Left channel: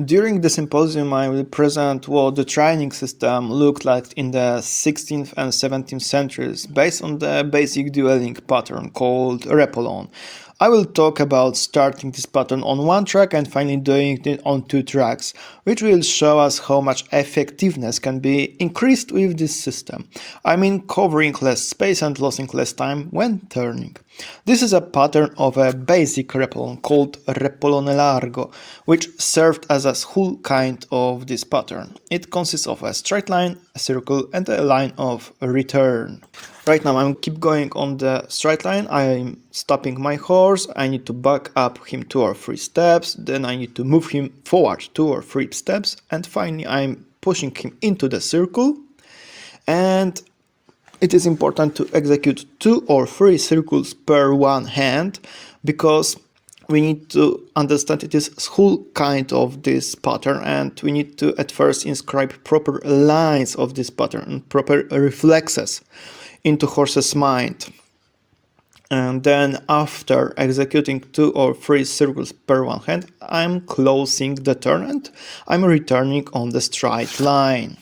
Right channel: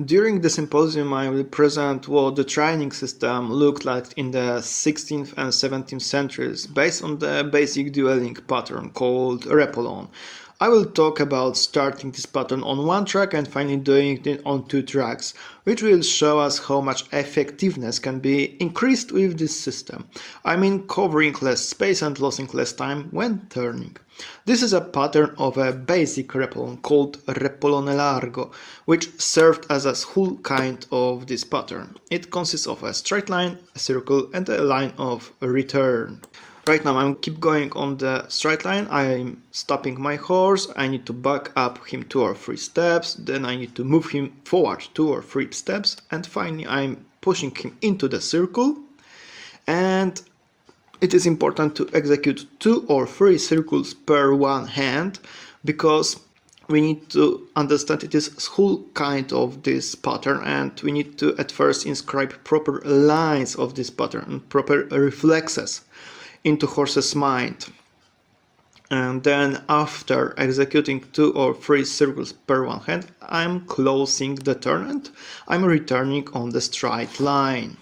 During the symposium, I will present what the training system looked like in the 16th and 17th centuries based on the basic dueling pattern called reppolone. I will talk about starting this pattern on one track and finally doing it on two tracks, which will show us how much effectiveness can be increased with this system. I mean covering less space and losing less time when turning. This is a pattern of a basic reppolone called reppolone largo, which served as a whole kind of this pattern. It consists of a straight line, a circle, and a line of return. Right now I'm keep going on the straight line, I'm stopping my horse, I need to back up him 2 or 3 steps, then I need to move him forward 2 or 3 steps, and finally I'm pushing him into the circle. And it is important to execute 2 or 3 circles per one hand, because we need to understand it is whole kind of this pattern, and we need to at first inscribe proper lines of this pattern and proper reflexes into horse's mind. And then after executing 2 or 3 circles per one hand, I'm closing the turn and I'm returning on the straight line.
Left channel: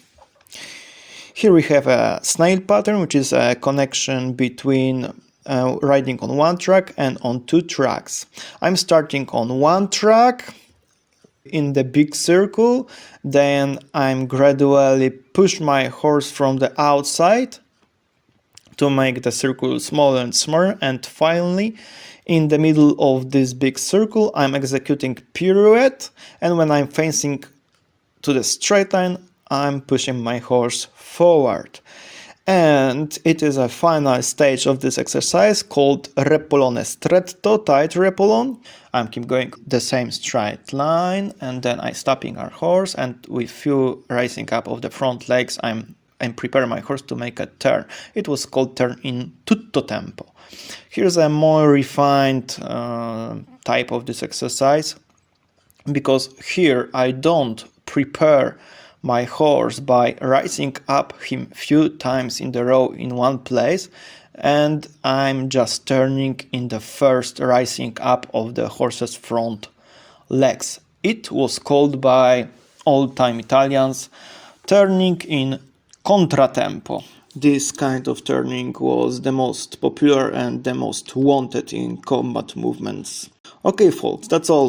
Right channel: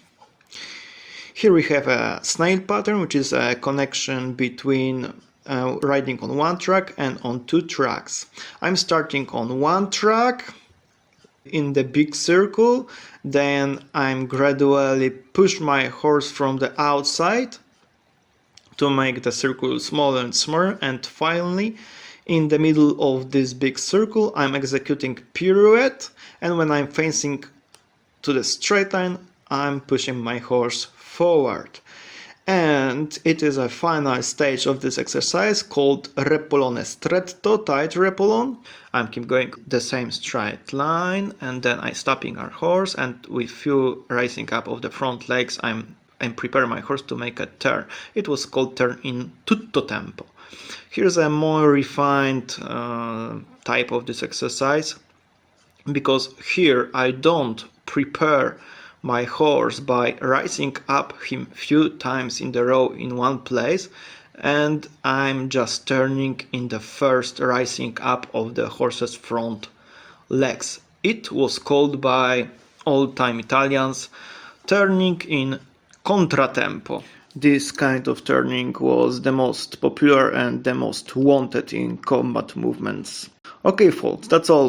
Here we have a snail pattern, which is a connection between riding on one track and on two tracks. I'm starting on one track in the big circle, then I'm gradually push my horse from the outside to make the circle smaller and smaller, and finally in the middle of this big circle I'm executing pirouette, and when I'm facing to the straight line I'm pushing my horse forward. And it is a final stage of this exercise called reppolone stretto, tight reppolone. I'm keep going the same straight line, and then I'm stopping our horse, and with few raising up of the front legs I'm prepare my horse to make a turn. It was called turn in tutto tempo. Here's a more refined type of this exercise, because here I don't prepare my horse by rising up him few times in the row in one place, and I'm just turning in the first rising up of the horse's front legs. It was called by old-time Italians turning in contratempo. This kind of turning was the most popular and the most wanted in combat movements. Okay folks, that's all.